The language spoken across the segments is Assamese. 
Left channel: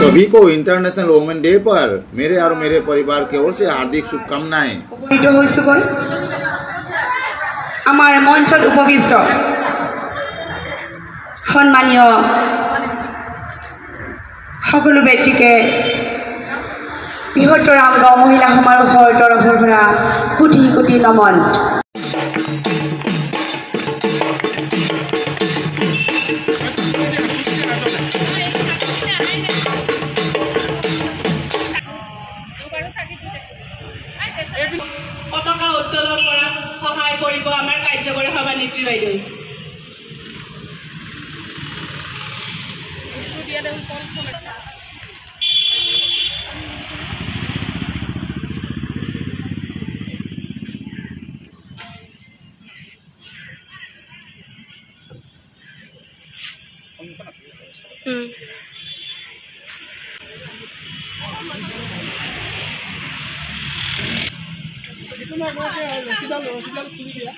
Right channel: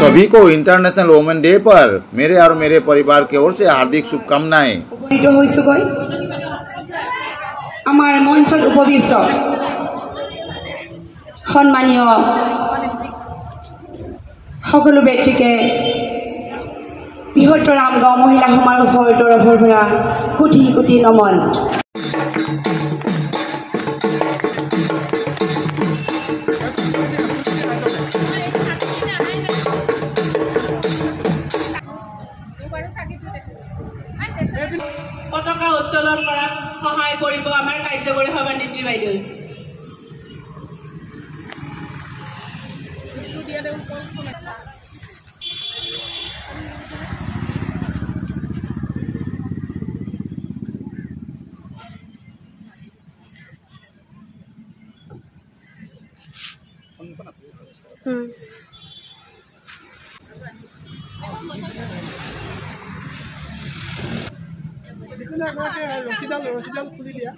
सभी को इंटरनेशनल वुमेन डे पर मेरे और मेरे परिवार की ओर से हार्दिक शुभकामनाएं। आमार मंचत उपविष्ट सम्मानीय सकलो व्यक्तिके बृहत्तर आमगाँव महिला समारोहर तरफर পৰা কোটি কোটি নমন। পতাকা উত্তোলন কৰাত সহায় কৰিব আমাৰ কাৰ্যকৰী সভানেত্ৰী বাইদেউ। ৰসিদাল খুলি দিয়া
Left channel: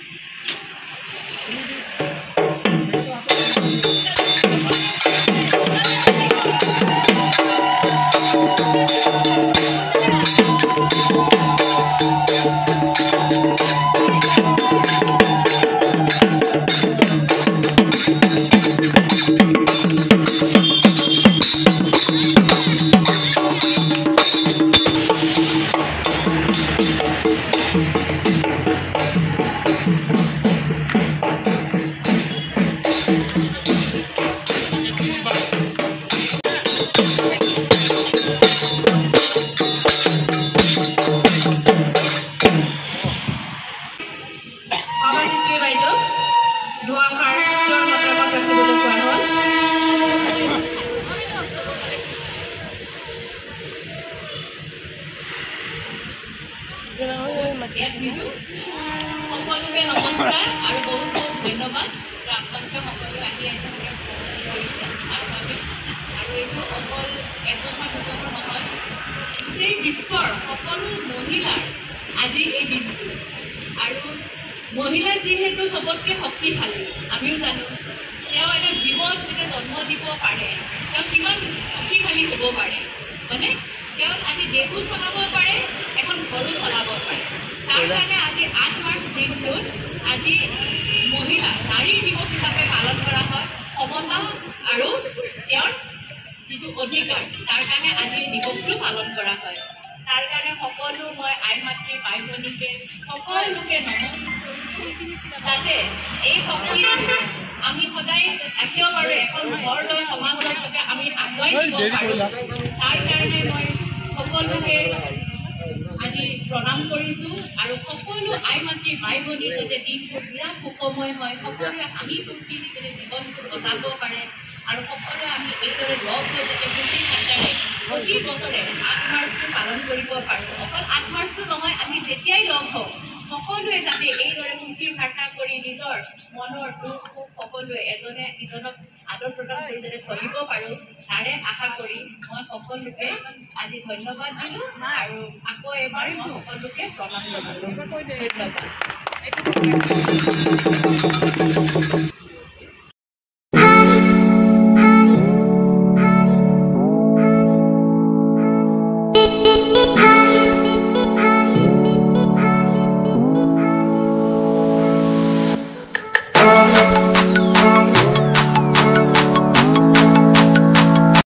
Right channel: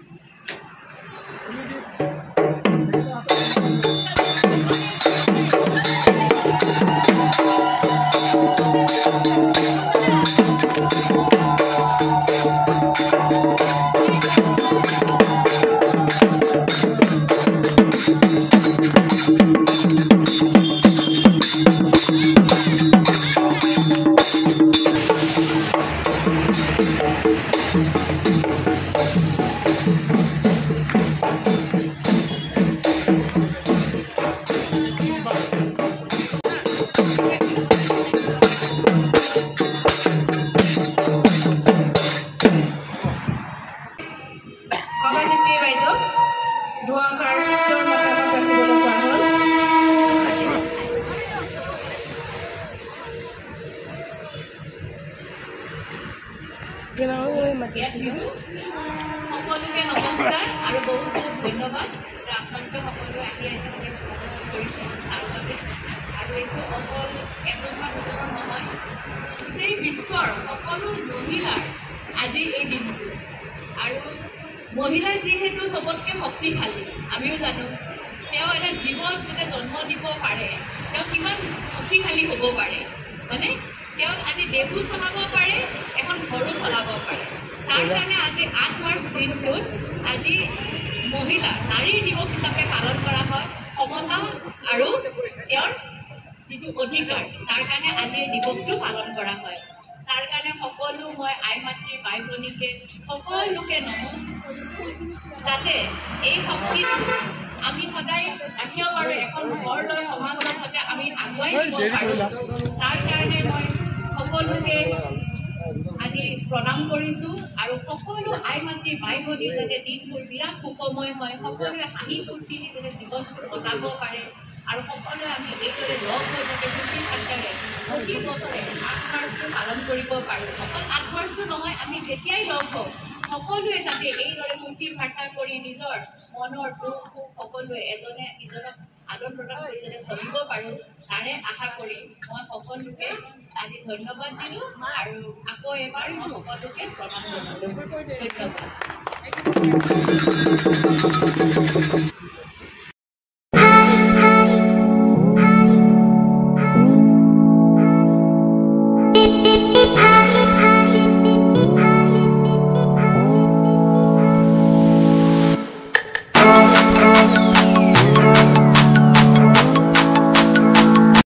সকলোকে নমস্কাৰ আৰু বহুত বহুত ধন্যবাদ। আপোনালোকে সকলোৱে আহি কৰিছে আৰু এইটো অকল এজনৰ দুজনৰ নহয়, গোটেই বিশ্বৰ সকলো মহিলাৰ আজি এই দিনটো। আৰু মহিলা যিহেতু চবতকৈ শক্তিশালী, আমিও জানো তেওঁ এটা জীৱন যেতিয়া জন্ম দিব পাৰে তেওঁ কিমান শক্তিশালী হ'ব পাৰে, হয়নে? তেওঁ আজি দেশো চলাব পাৰে, এখন ঘৰো চলাব পাৰে। তাৰ কাৰণে আজি 8 মাৰ্চ দিনটোত আজি মহিলা নাৰী দিৱস হিচাপে পালন কৰা হয়। সমতা আৰু তেওঁৰ যিটো অধিকাৰ তাৰ কাৰণে আজি এই দিৱসটো পালন কৰা হয়। তাৰ কাৰণে সকলো মই আই মাতৃ ভাই ভনীকে সকলোকে নমস্কাৰ কৰিছোঁ, যাতে এই শক্তিটো আমি সদায় ৰাখিব পাৰোঁ, এখন ঘৰ লৈ সমাজৰ সৈতে আমি আগুৱাই দিব পাৰোঁ। তাৰ কাৰণে মই সকলোকে আজি প্ৰণাম কৰিছোঁ আৰু সকলো আই মাতৃ ভাই ভনী যাতে দিনটো বিৰাট সুখময় হয়, সকলোৱে হাঁহি ফূৰ্তি যাতে জীৱনটো কটাব পাৰে আৰু সকলোৱে আমি এইদৰে লগ হৈ যাতে ফূৰ্তি ফাৰ্তাৰে প্ৰতি বছৰে 8 মাৰ্চটো পালন কৰিব পাৰোঁ। অকল 8 মাৰ্চটো নহয়, আমি যেতিয়াই লগ হওঁ সকলোৱে যাতে এইদৰে ফূৰ্তি ফাৰ্তা কৰি নিজৰ মনৰ দুখ সুখ সকলোৱে এজনে ইজনক আদৰ প্ৰদান কৰি যাতে চলিব পাৰোঁ তাৰে আশা কৰি মই সকলোকে আজি ধন্যবাদ দিলোঁ আৰু আকৌ এবাৰ মই সকলোকে প্ৰণাম জনালোঁ। ধন্যবাদ।